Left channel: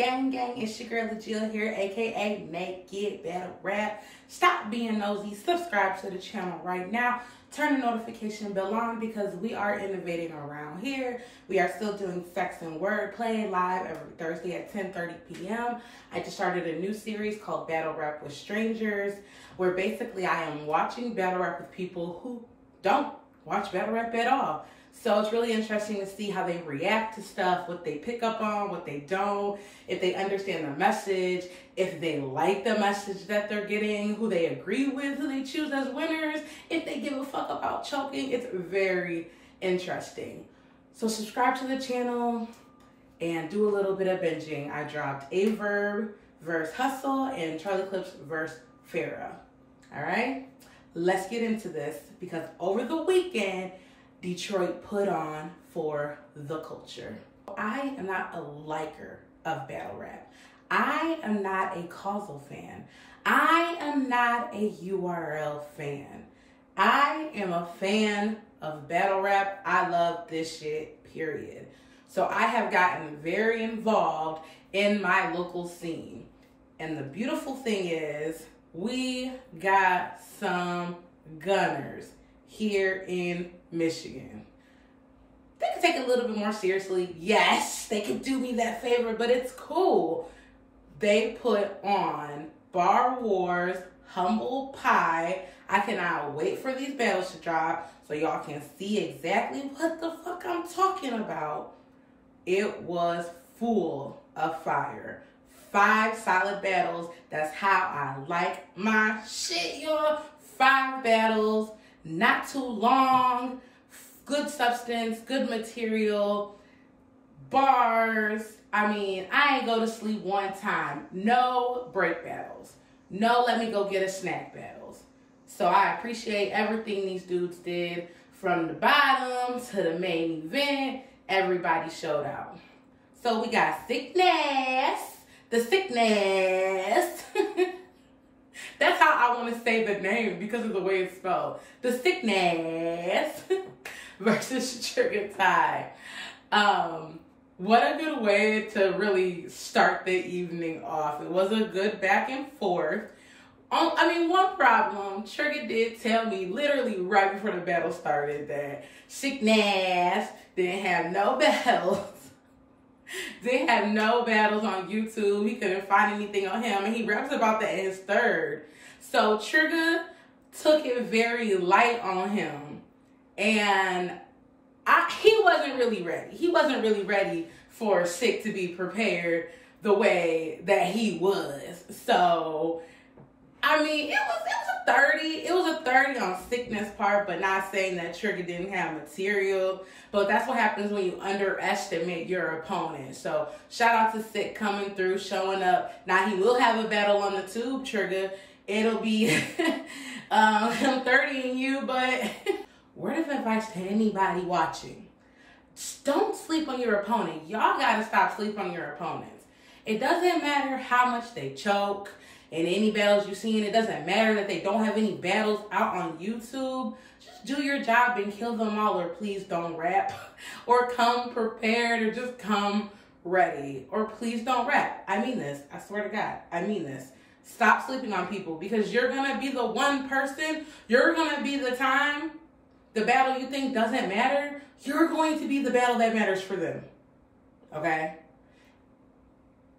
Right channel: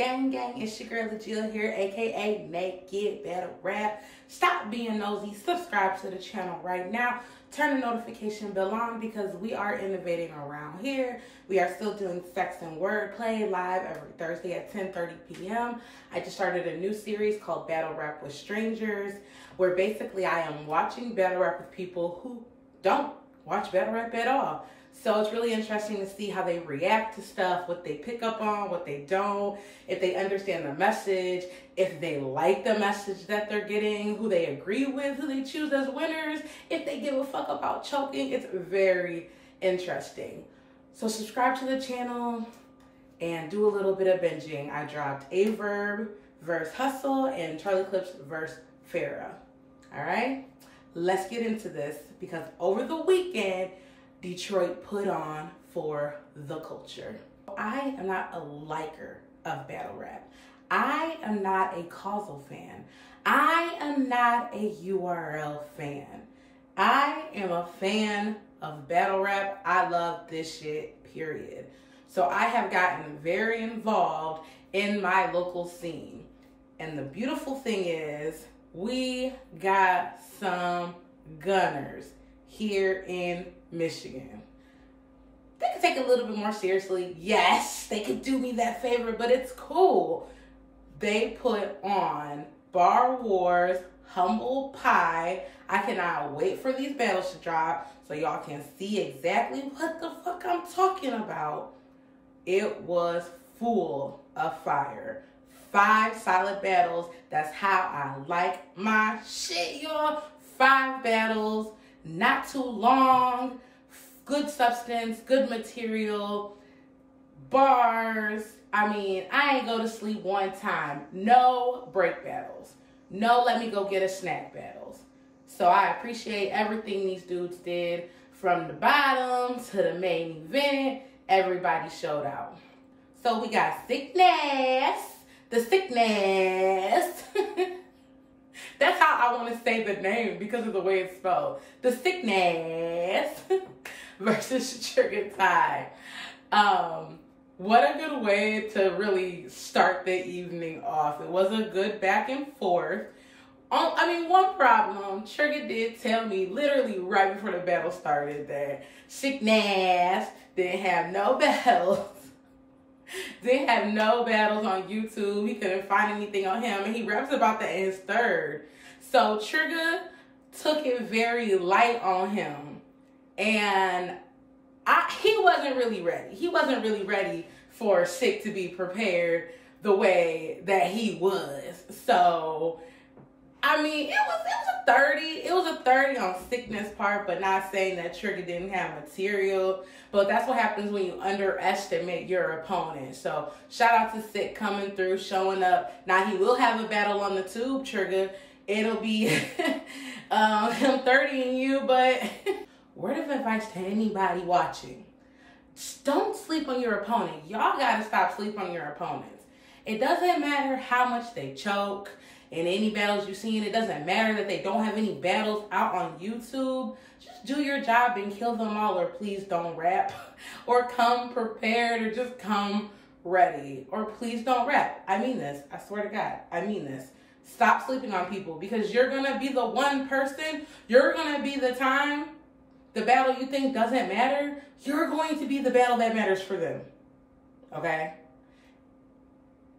Gang, it's your girl LaJill here, aka Naked Battle Rap. Stop being nosy, subscribe to the channel right now. Turn the notification bell on because we are innovating around here. We are still doing sex and wordplay live every Thursday at 10:30 p.m. I just started a new series called Battle Rap with Strangers, where basically I am watching battle rap with people who don't watch battle rap at all. So it's really interesting to see how they react to stuff, what they pick up on, what they don't, if they understand the message, if they like the message that they're getting, who they agree with, who they choose as winners, if they give a fuck about choking. It's very interesting. So subscribe to the channel and do a little bit of binging. I dropped A Verb versus Hustle and Charlie Clips versus Farrah. All right, let's get into this because over the weekend, Detroit put on for the culture. I am not a liker of battle rap. I am not a causal fan. I am not a URL fan. I am a fan of battle rap. I love this shit, period. So I have gotten very involved in my local scene. And the beautiful thing is we got some gunners here in Michigan. They could take it a little bit more seriously. Yes, they could do me that favor, but it's cool. They put on Bar Wars, Humble Pie. I cannot wait for these battles to drop so y'all can see exactly what the fuck I'm talking about. It was full of fire. 5 solid battles. That's how I like my shit, y'all. 5 battles. Not too long, good substance, good material, bars. I mean, I ain't go to sleep one time. No break battles. No let me go get a snack battles. So I appreciate everything these dudes did from the bottom to the main event. Everybody showed out. So we got Sickness. The Sickness. That's how I want to say the name because of the way it's spelled. The Sickness versus Sugar Tie. What a good way to really start the evening off. It was a good back and forth. I mean, one problem, Sugar did tell me literally right before the battle started that Sickness didn't have no battles. Didn't have no battles on YouTube. He couldn't find anything on him. And he raps about that in his third. So Trigger took it very light on him. And he wasn't really ready. He wasn't really ready for Sick to be prepared the way that he was. So, I mean, it was a 30. It was a 30 on Sickness part, but not saying that Trigger didn't have material. But that's what happens when you underestimate your opponent. So shout out to Sick coming through, showing up. Now he will have a battle on the tube, Trigger. It'll be him 30ing you, but word of advice to anybody watching. Just don't sleep on your opponent. Y'all gotta stop sleeping on your opponents. It doesn't matter how much they choke in any battles you've seen. It doesn't matter that they don't have any battles out on YouTube. Just do your job and kill them all, or please don't rap, or come prepared, or just come ready, or please don't rap. I mean this. I swear to God, I mean this. Stop sleeping on people because you're gonna be the one person, you're gonna be the time, the battle you think doesn't matter, you're going to be the battle that matters for them. Okay?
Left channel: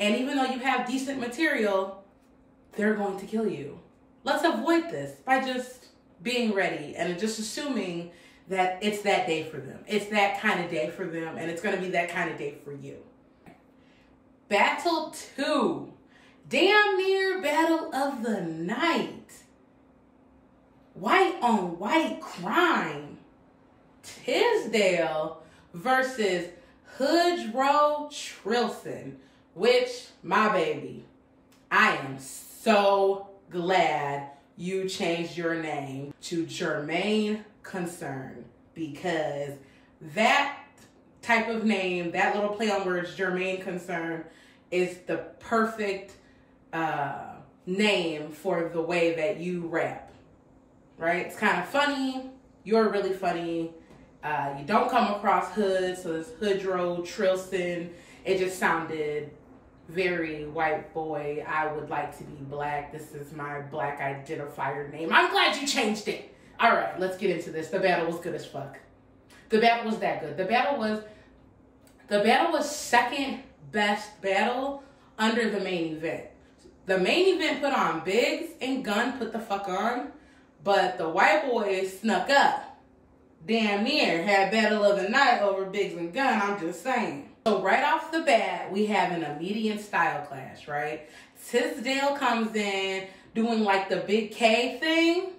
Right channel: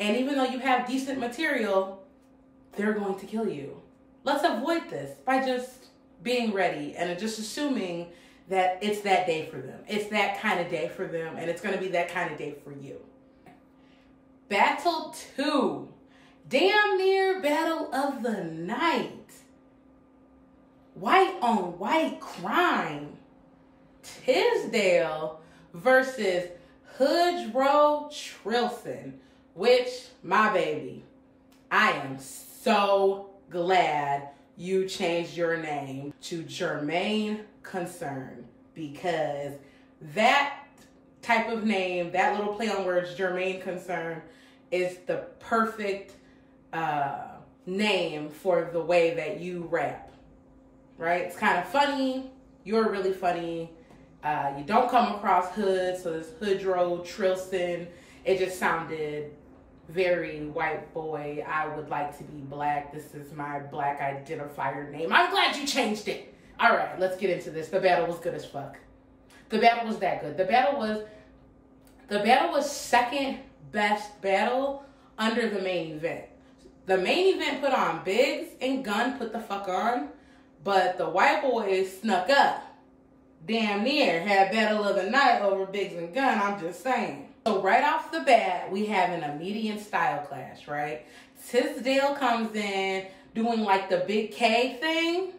And even though you have decent material, they're going to kill you. Let's avoid this by just being ready and just assuming that it's that day for them. It's that kind of day for them, and it's going to be that kind of day for you. Battle 2. Damn near battle of the night. White on white crime. Tisdale versus Hoodro Trilson, which, my baby, I am so glad you changed your name to Jermaine Concern, because that type of name, that little play on words, Jermaine Concern, is the perfect name for the way that you rap, right? It's kind of funny. You're really funny. You don't come across hood, so it's Hoodro Trilson. It just sounded very white boy. I would like to be black. This is my black identifier name. I'm glad you changed it. All right, let's get into this. The battle was good as fuck. The battle was that good. The battle was second best battle under the main event. The main event put on Biggs and Gunn put the fuck on, but the white boys snuck up. Damn near had battle of the night over Biggs and Gunn, I'm just saying. So right off the bat, we have an immediate style clash, right? Tisdale comes in doing like the big K thing,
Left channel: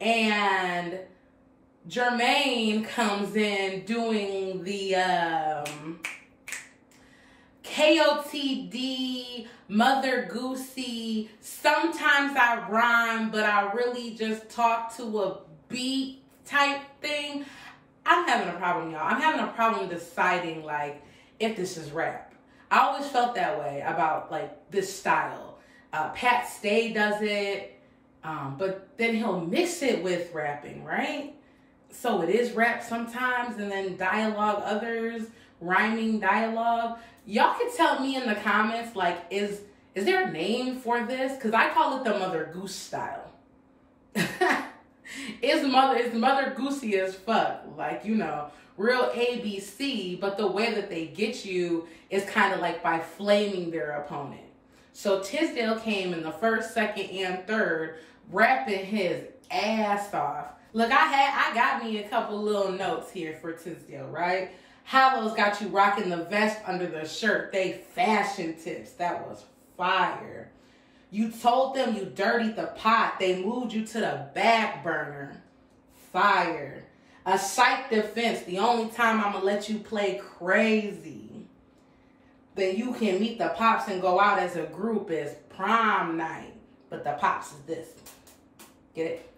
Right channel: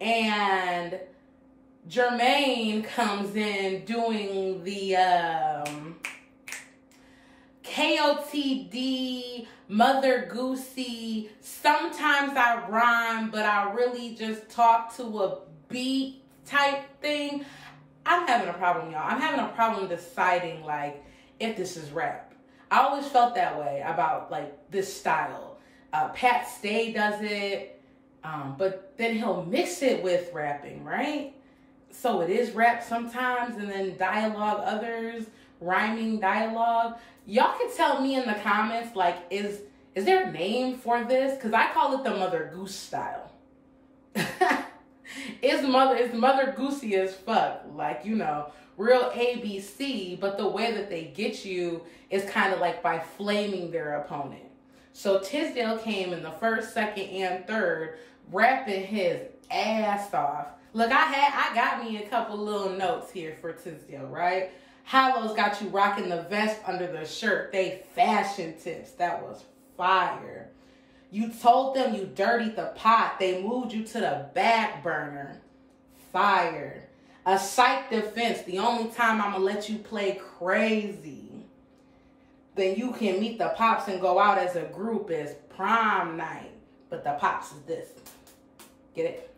and Jermaine comes in doing the KOTD, Mother Goosey. Sometimes I rhyme, but I really just talk to a beat type thing. I'm having a problem, y'all. I'm having a problem deciding, like, if this is rap. I always felt that way about, like, this style. Pat Stay does it, but then he'll mix it with rapping, right? So it is rap sometimes, and then dialogue others, rhyming dialogue. Y'all can tell me in the comments, like, is there a name for this? Because I call it the Mother Goose style. It's Mother Goosey as fuck. Like, you know, real ABC, but the way that they get you is kind of like by flaming their opponent. So Tisdale came in the first, second, and third, rapping his ass off. Look, I got me a couple little notes here for Tisdale, right? Hallow's got you rocking the vest under the shirt. They fashion tips. That was fire. You told them you dirtied the pot. They moved you to the back burner. Fire. A psych defense. The only time I'm going to let you play crazy. Then you can meet the pops and go out as a group is prom night. But the pops is this. Get it?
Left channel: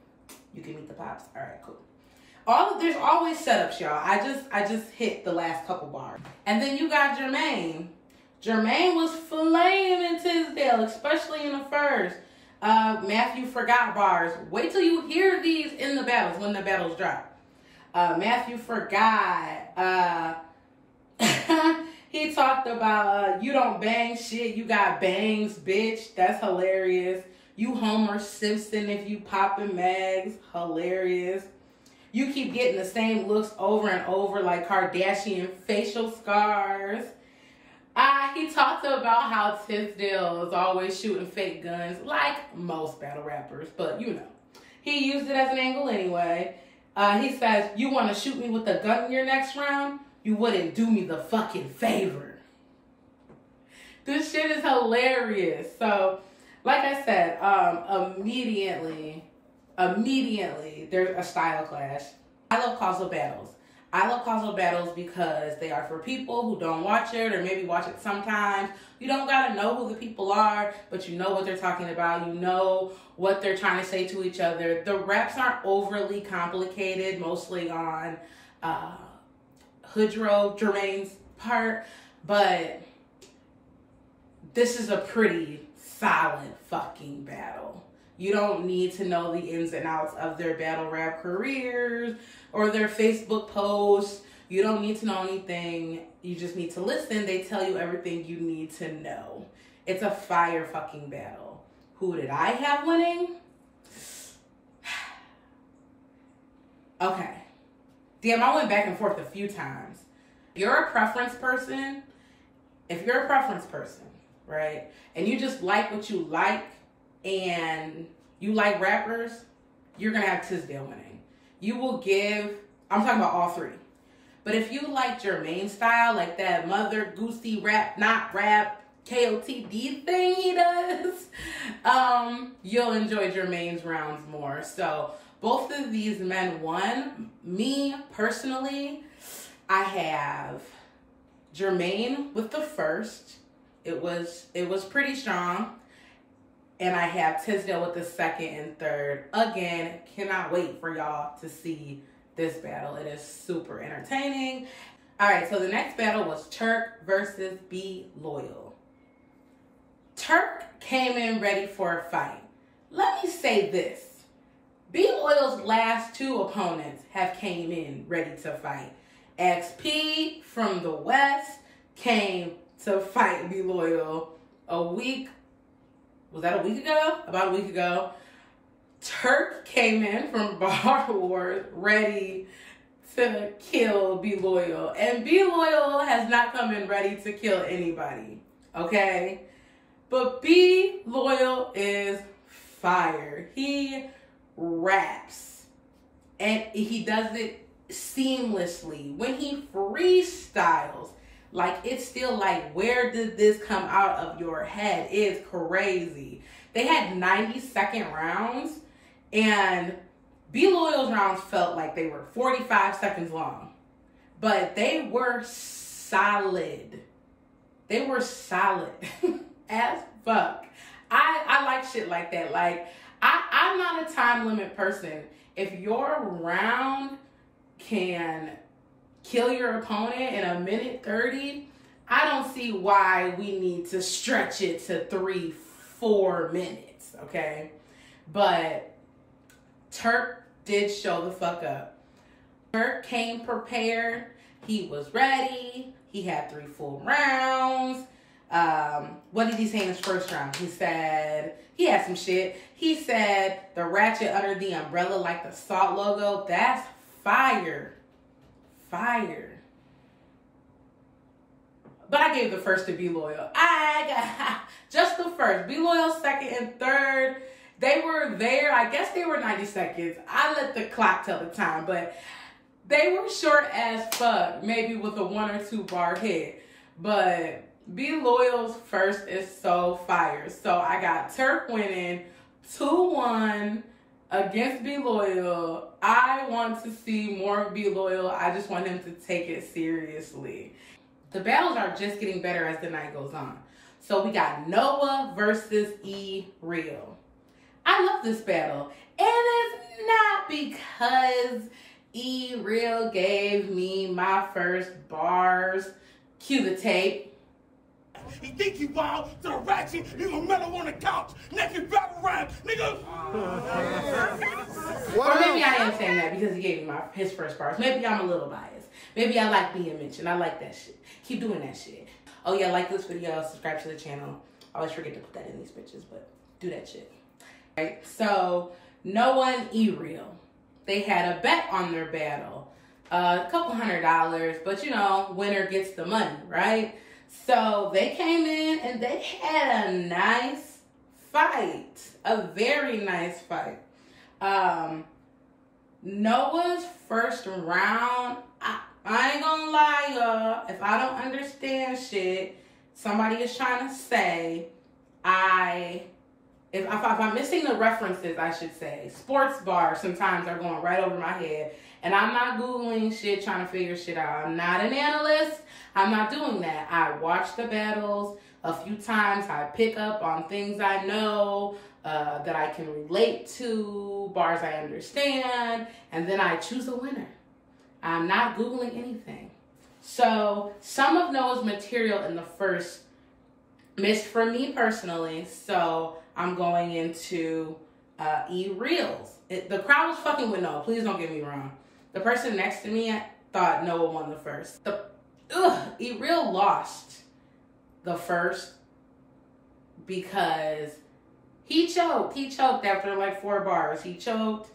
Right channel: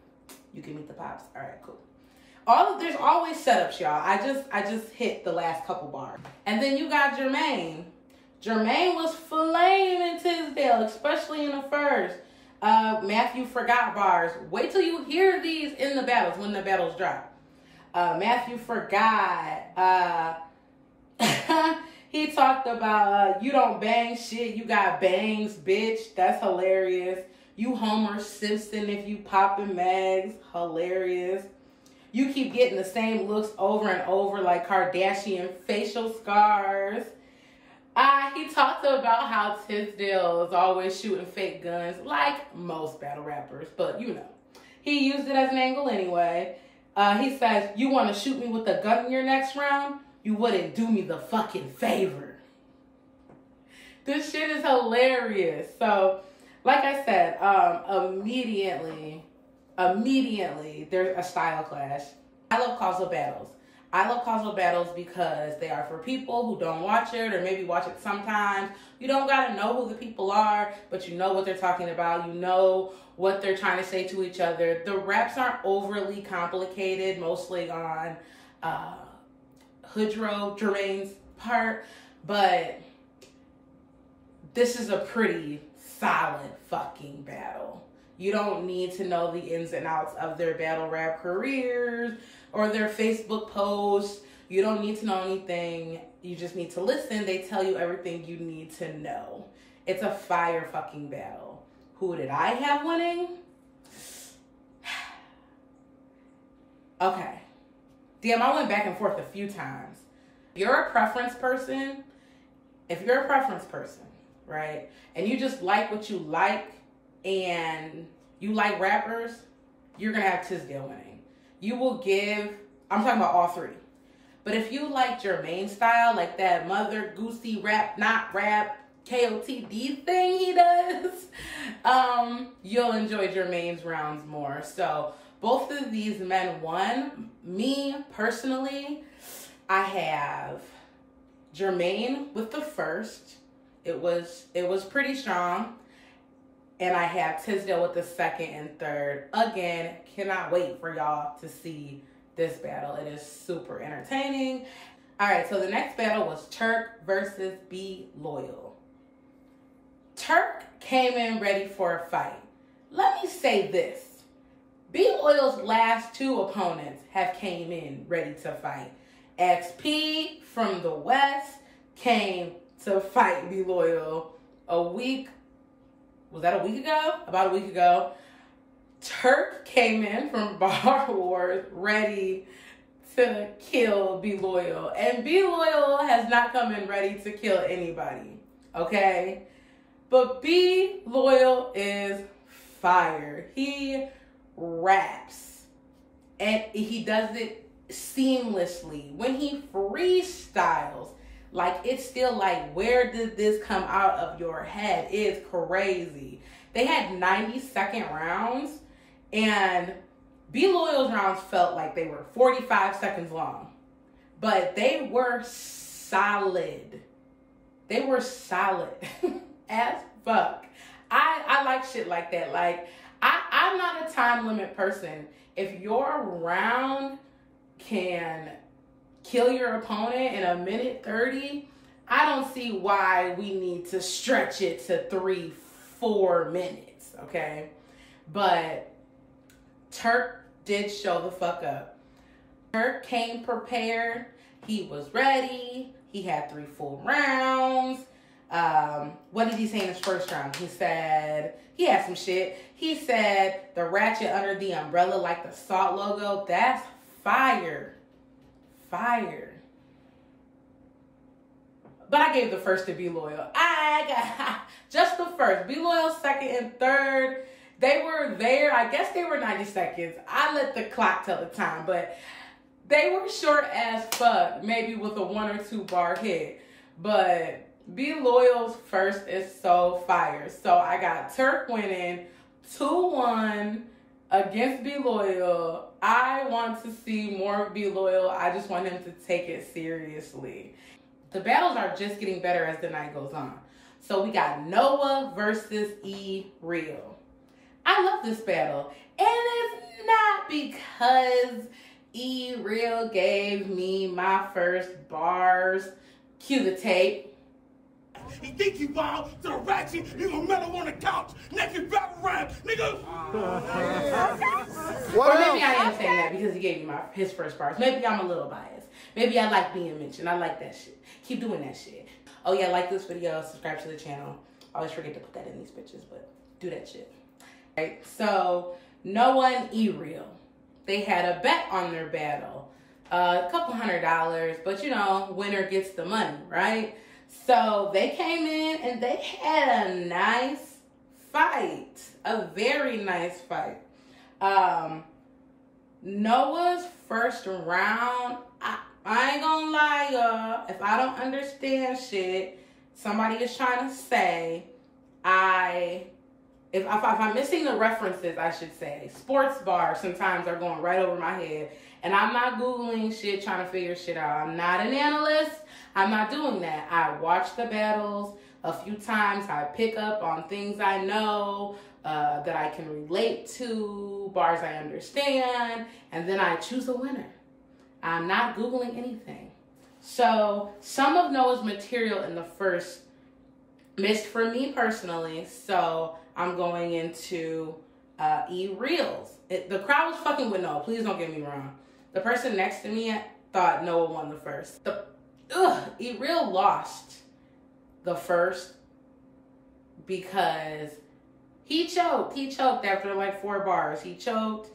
You can meet the pops. All right, cool. There's always setups, y'all. I just hit the last couple bars. And then you got Jermaine. Jermaine was flaming Tisdale, especially in the first. Matthew forgot bars. Wait till you hear these in the battles, when the battles drop. Matthew forgot. He talked about, you don't bang shit, you got bangs, bitch. That's hilarious. You Homer Simpson if you poppin' mags. Hilarious. You keep getting the same looks over and over like Kardashian facial scars. He talked about how Tisdale is always shooting fake guns like most battle rappers, but you know. He used it as an angle anyway. He says, you want to shoot me with a gun in your next round? You wouldn't do me the fucking favor. This shit is hilarious. So, like I said, immediately, there's a style clash. I love causal battles. I love causal battles because they are for people who don't watch it or maybe watch it sometimes. You don't got to know who the people are, but you know what they're talking about. You know what they're trying to say to each other. The raps aren't overly complicated, mostly on Hoodro, Jermaine's part, but this is a pretty solid fucking battle. You don't need to know the ins and outs of their battle rap careers or their Facebook posts. You don't need to know anything. You just need to listen. They tell you everything you need to know. It's a fire fucking battle. Who did I have winning? Okay. Damn, I went back and forth a few times. If you're a preference person, right, and you just like what you like, and you like rappers, you're going to have Tisdale winning. You will give, I'm talking about all three. But if you like Jermaine's style, like that Mother Goosey rap, not rap, KOTD thing he does, you'll enjoy Jermaine's rounds more. So both of these men won. Me, personally, I have Jermaine with the first. It was pretty strong. And I have Tisdale with the second and third. Again, cannot wait for y'all to see this battle. It is super entertaining. All right, so the next battle was Turk versus Be Loyal. Turk came in ready for a fight. Let me say this. Be Loyal's last two opponents have came in ready to fight. XP from the West came to fight Be Loyal. was that a week ago? About a week ago, Turk came in from Bar Wars ready to kill Be Loyal. And Be Loyal has not come in ready to kill anybody, okay? But Be Loyal is fire. He raps. And he does it seamlessly. When he freestyles, like, it's still like, where did this come out of your head? It's crazy. They had 90-second rounds, and Be Loyal's rounds felt like they were 45 seconds long. But they were solid. They were solid as fuck. I like shit like that. Like, I'm not a time limit person. If your round can kill your opponent in 1:30, I don't see why we need to stretch it to 3-4 minutes, okay? But Turk did show the fuck up. Turk came prepared. He was ready. He had 3 full rounds. What did he say in his first round? He said, he had some shit. He said, the ratchet under the umbrella like the SALT logo. That's fire. Fire. But I gave the first to Be Loyal. I got just the first. Be Loyal second and third. They were there. I guess they were 90 seconds. I let the clock tell the time, but they were short as fuck. Maybe with a 1 or 2 bar hit. But Be Loyal's first is so fire. So I got Turk winning 2-1 against Be Loyal. I want to see more Be Loyal. I just want him to take it seriously. The battles are just getting better as the night goes on. So we got Noah versus E-Real. I love this battle. And it's not because E-Real gave me my first bars. Cue the tape. He think he wild, to the ratchet, he gonna mellow on the couch. Naked battle rap, nigga. Or maybe I am saying that because he gave me his first bars. Maybe I'm a little biased. Maybe I like being mentioned. I like that shit. Keep doing that shit. Oh yeah, like this video, subscribe to the channel. I always forget to put that in these bitches, but do that shit. Right, so Noah and E-Real, they had a bet on their battle. A couple $100, but you know, winner gets the money, right? So they came in and they had a nice fight. A very nice fight. Noah's first round, I ain't gonna lie, y'all. If I don't understand shit, somebody is trying to say, if I'm missing the references, I should say. Sports bars sometimes are going right over my head. And I'm not Googling shit, trying to figure shit out. I'm not an analyst. I'm not doing that. I watch the battles a few times. I pick up on things I know that I can relate to, bars I understand, and then I choose a winner. I'm not Googling anything. So some of Noah's material in the first missed for me personally, so I'm going into E-Reels. The crowd was fucking with Noah. Please don't get me wrong. The person next to me thought Noah won the first. E-Real lost the first because he choked. He choked after like 4 bars. He choked.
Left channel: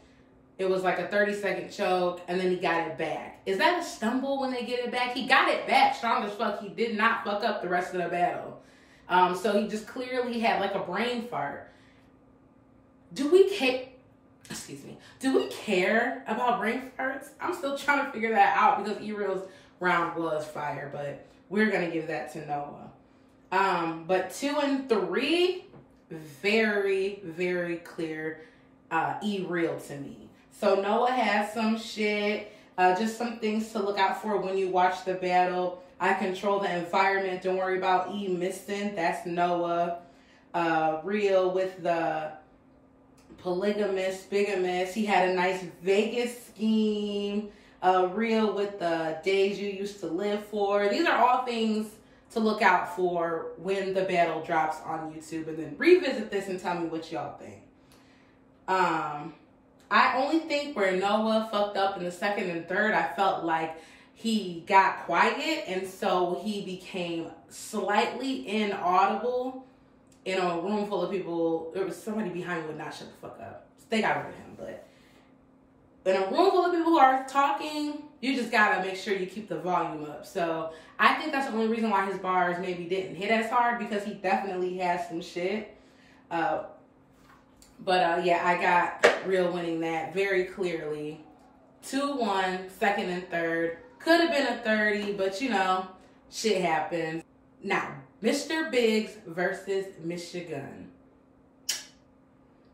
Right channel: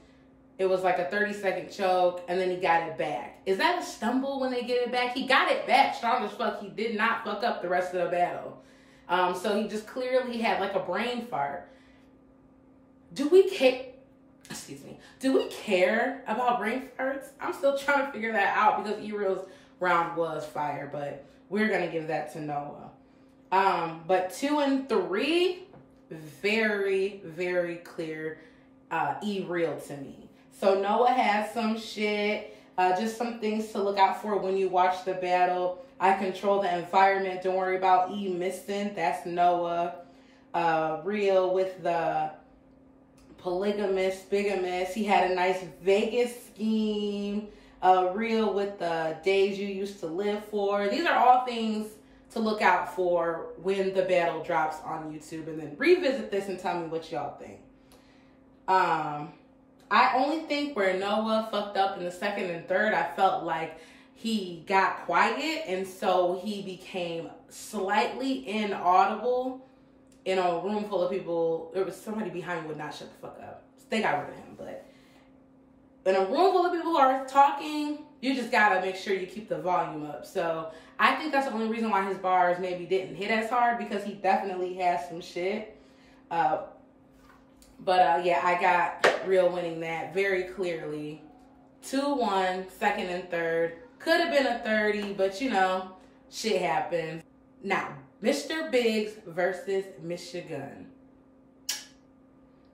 It was like a 30-second choke, and then he got it back. Is that a stumble when they get it back? He got it back strong as fuck. He did not fuck up the rest of the battle. So he just clearly had like a brain fart. Do we care? Excuse me. Do we care about brain farts? I'm still trying to figure that out because E-Real's round was fire, but we're gonna give that to Noah. But 2 and 3, very, very clear E-Real to me. So Noah has some shit, just some things to look out for when you watch the battle. I control the environment. Don't worry about E missing. That's Noah. Real with the polygamous, bigamous. He had a nice Vegas scheme. Real with the days you used to live for. These are all things to look out for when the battle drops on YouTube. And then revisit this and tell me what y'all think. I only think where Noah fucked up in the second and third, I felt like he got quiet, and so he became slightly inaudible in a room full of people, there was somebody behind me would not shut the fuck up. They got rid of him, but in a room full of people who are talking, you just gotta make sure you keep the volume up. So I think that's the only reason why his bars maybe didn't hit as hard, because he definitely has some shit. Yeah, I got Real winning that very clearly. 2-1, second and third. Could have been a 30, but you know, shit happens. Now, Mr. Biggs versus Michigan.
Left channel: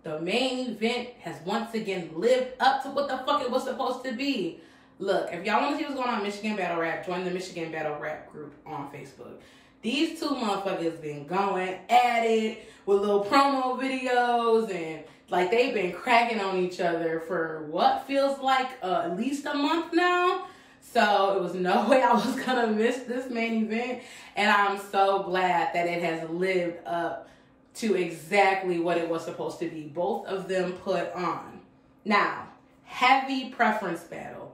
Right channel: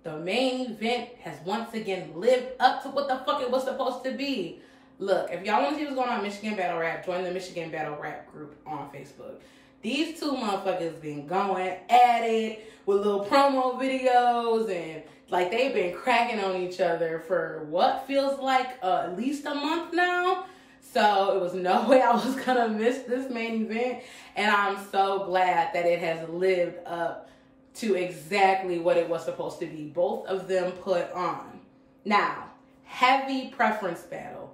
The main event has once again lived up to what the fuck it was supposed to be. Look, if y'all want to see what's going on in Michigan Battle Rap, join the Michigan Battle Rap group on Facebook. These two motherfuckers been going at it with little promo videos, and like they've been cracking on each other for what feels like at least a month now. So it was no way I was gonna miss this main event, and I'm so glad that it has lived up to exactly what it was supposed to be. Both of them put on. Now, heavy preference battle.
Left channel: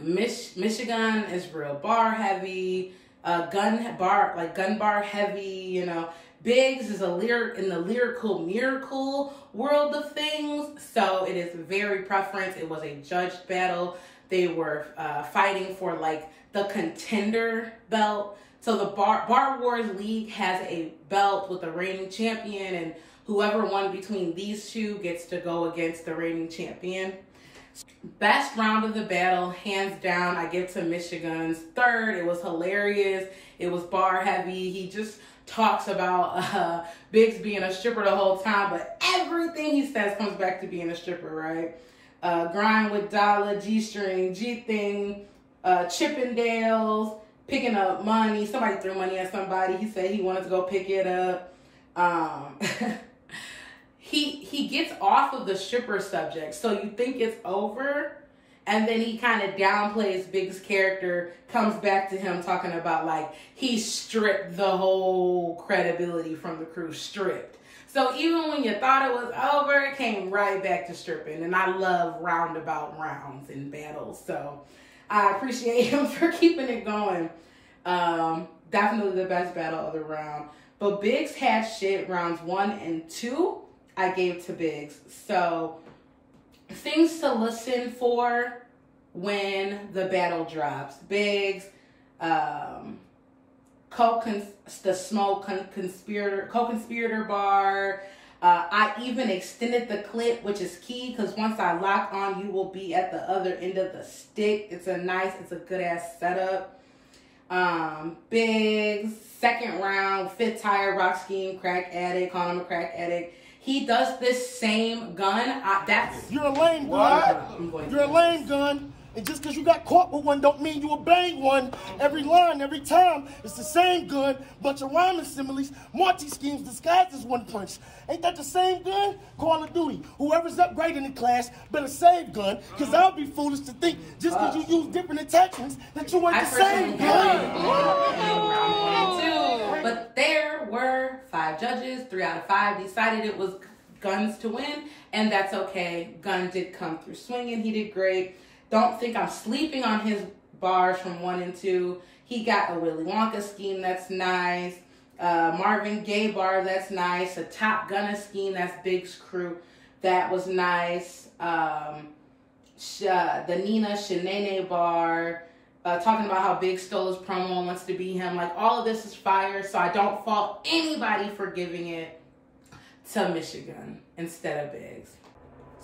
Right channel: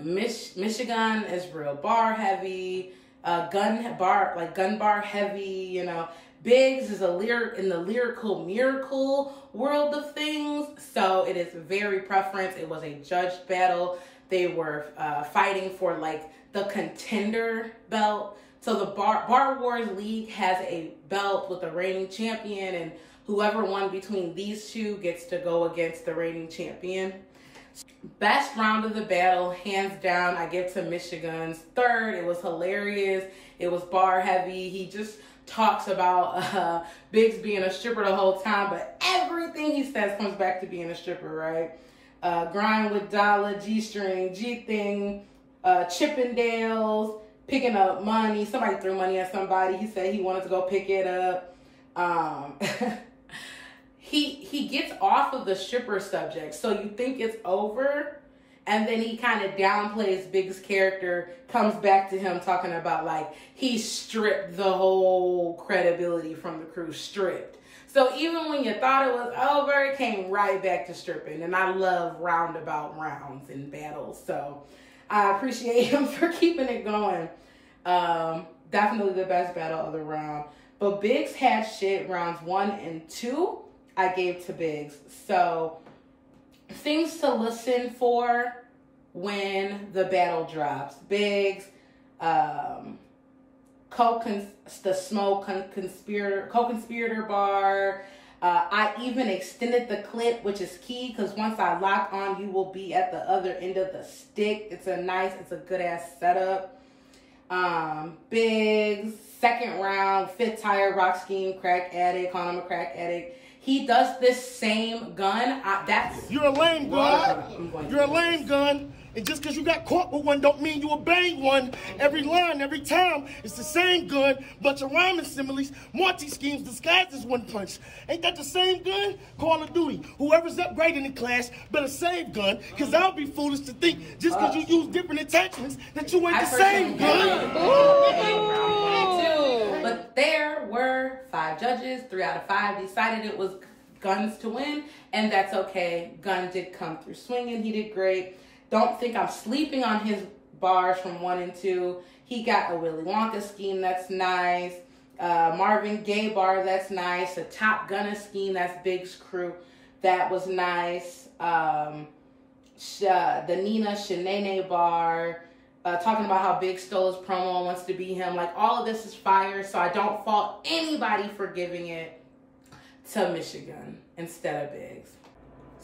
Michigan is real bar heavy, gun bar heavy, you know. Biggs is in the lyrical miracle world of things, so it is very preference. It was a judged battle. They were fighting for like the contender belt. So the Bar Wars League has a belt with the reigning champion, and whoever won between these two gets to go against the reigning champion. Best round of the battle, hands down, I give to Michigan's. Third, it was hilarious. It was bar heavy. He just talks about Biggs being a stripper the whole time, but everything he says comes back to being a stripper, right? Grind with Dollar, G-string, G-thing, Chippendales, picking up money. Somebody threw money at somebody. He said he wanted to go pick it up. He gets off of the stripper subject, so you think it's over, and then he kind of downplays Big's character, comes back to him talking about like he stripped the whole credibility from the crew, stripped. So even when you thought it was over, it came right back to stripping, and I love roundabout rounds in battles, so I appreciate him for keeping it going. Definitely the best battle of the round. But Biggs had shit rounds 1 and 2. I gave to Biggs. So things to listen for when the battle drops. Biggs, co-conspirator bar. I even extended the clip, which is key, because once I lock on, you will be at the other end of the stick. It's a good ass setup. Biggs, second round, fifth tire, rock scheme, crack addict, calling him a crack addict. He does this same gun. You're a lame gun. You're a lame gun. And just because you got caught with one don't mean you obey one. Every line, every time, it's the same gun, bunch of rhyming similes, multi-schemes disguised as one punch. Ain't that the same gun? Call of Duty. Whoever's upgrading the class better save gun, because I'll be foolish to think just because you use different attachments that you ain't the same gun. But there were 5 judges. 3 out of 5 decided it was Guns to win, and that's okay. Gun did come through swinging. He did great. Don't think I'm sleeping on his bars from 1 and 2. He got a Willy Wonka scheme, that's nice. Marvin Gaye bar, that's nice. A Top Gunner scheme, that's Big's crew, that was nice. The Nina Shanae bar, talking about how Big stole his promo and wants to be him. Like, all of this is fire, so I don't fault anybody for giving it to Michigan instead of Biggs.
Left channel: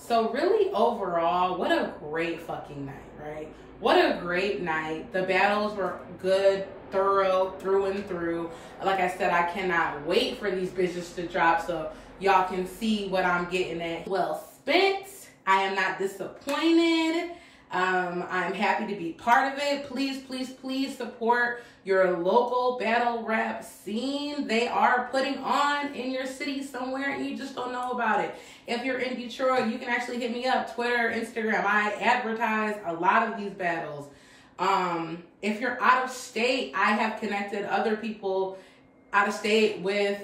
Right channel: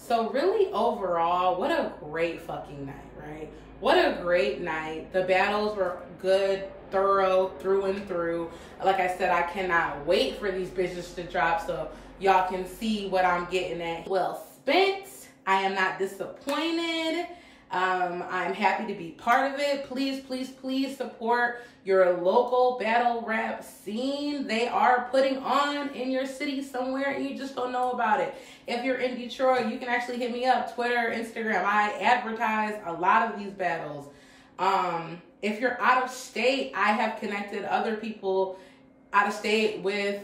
So really, overall, what a great fucking night, right? What a great night. The battles were good, thorough, through and through. Like I said, I cannot wait for these bitches to drop so y'all can see what I'm getting at. Well spent. I am not disappointed. I'm happy to be part of it. Please, please, please support your local battle rap scene. They are putting on in your city somewhere and you just don't know about it. If you're in Detroit, you can actually hit me up, Twitter, Instagram. I advertise a lot of these battles. If you're out of state, I have connected other people out of state with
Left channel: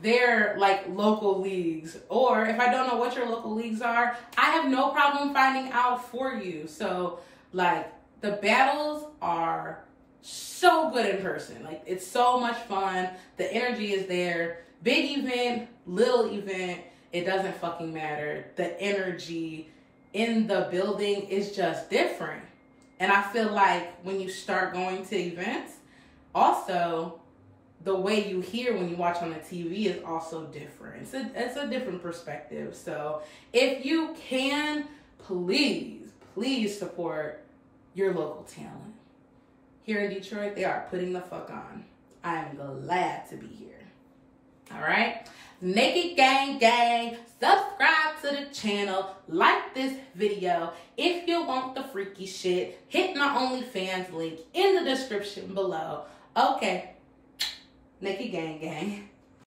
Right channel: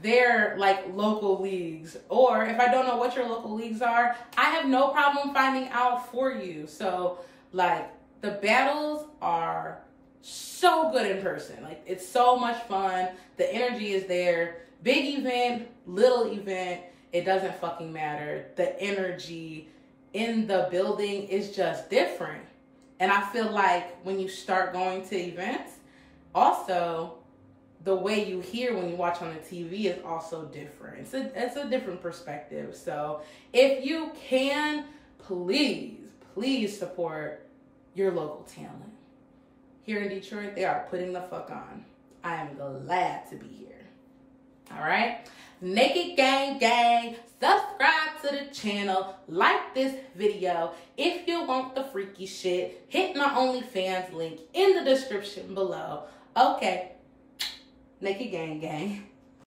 their like local leagues. Or if I don't know what your local leagues are, I have no problem finding out for you. So like the battles are so good in person. Like it's so much fun. The energy is there. Big event, little event, it doesn't fucking matter. The energy in the building is just different. And I feel like when you start going to events, also the way you hear when you watch on the TV is also different. It's a different perspective. So if you can, please support your local talent. Here in Detroit, they are putting the fuck on. I am glad to be here. All right? Naked Gang Gang, subscribe to the channel, like this video. If you want the freaky shit, hit my OnlyFans link in the description below. Okay, Naked Gang Gang.